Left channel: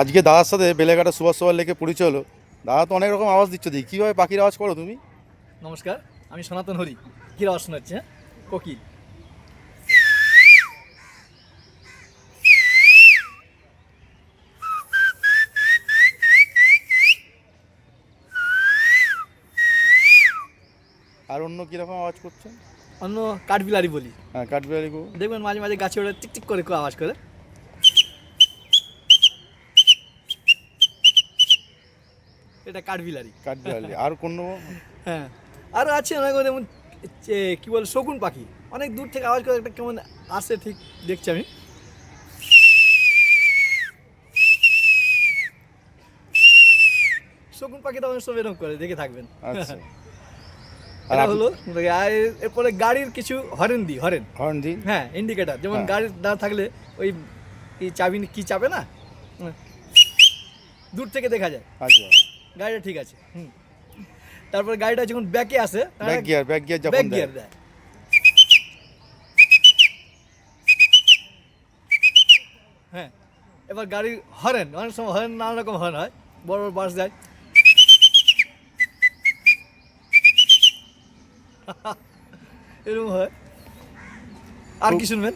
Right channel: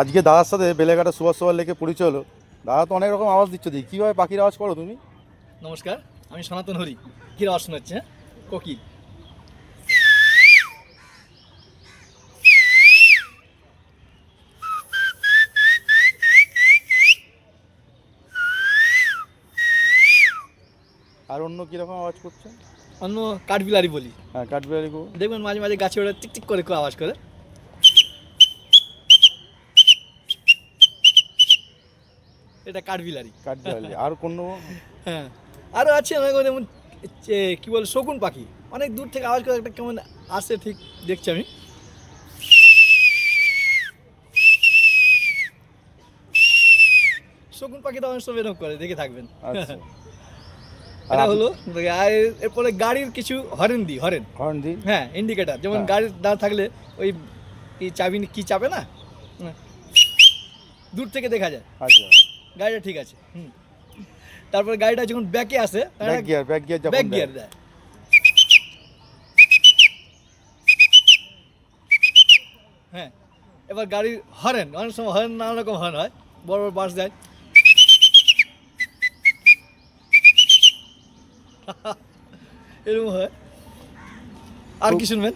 আজকে দাদার সাথে বেলেঘাটা সুভাষ সভার লেকে পরিচয় হলো। দাদা তো অনেক রকম আওয়াজ দিচ্ছ, দেখি কীভাবে পাখির আওয়াজ করো তুমি? নমস্কার, আমি সনাতন হরি। কী আওয়াজ শোনাচ্ছে? হ্যাঁ, কোকিল। আর অন্য কীরকম আওয়াজ করছে? অন্য কাঠবিলারি বলি। হ্যাঁ, কাঠবিড়ালি গো। দেখবেন মাঝে মাঝে গাছে ওরা টিকটিক করে খুব আওয়াজ করে। এটা কাঠবিলারি। কাঠবিড়ালি আর কোনো? হ্যাঁ, আরও আছে অনেক যেমন কী বলে শকুন পাখি। অনেক দূর থেকে আওয়াজ করে, একটা কেমন আসে ঠিক দেখছি আমি। শকুন পাখিটা অনেক সময় এরকম করে, দেখে থাকবেন। আচ্ছা। এটা হলো। আর এরপরে গাড়ির কিছু হরেন দিই, হরেন। হর্ন দিন। হ্যাঁ, ইন্ডিকেটার। যেমন হ্যাঁ। গাড়ির না থাকলে ওই চাবি কি চাপে না, দূর থেকে দেখা যায় আচ্ছা। গাড়িটা ঠিক আছে। তারপরে গাড়িটা যখন ব্যাকে আসে, ব্যাক গিয়ার যখন ব্যাক দেয়। গিয়ার দেয়। হ্যাঁ, এবার গাড়ির হরেন, অনেক সময় হরেন নানা রকম হরেন হয়। বড় বড় বাস যায়, এরকম হয়। আর কি শুনবেন?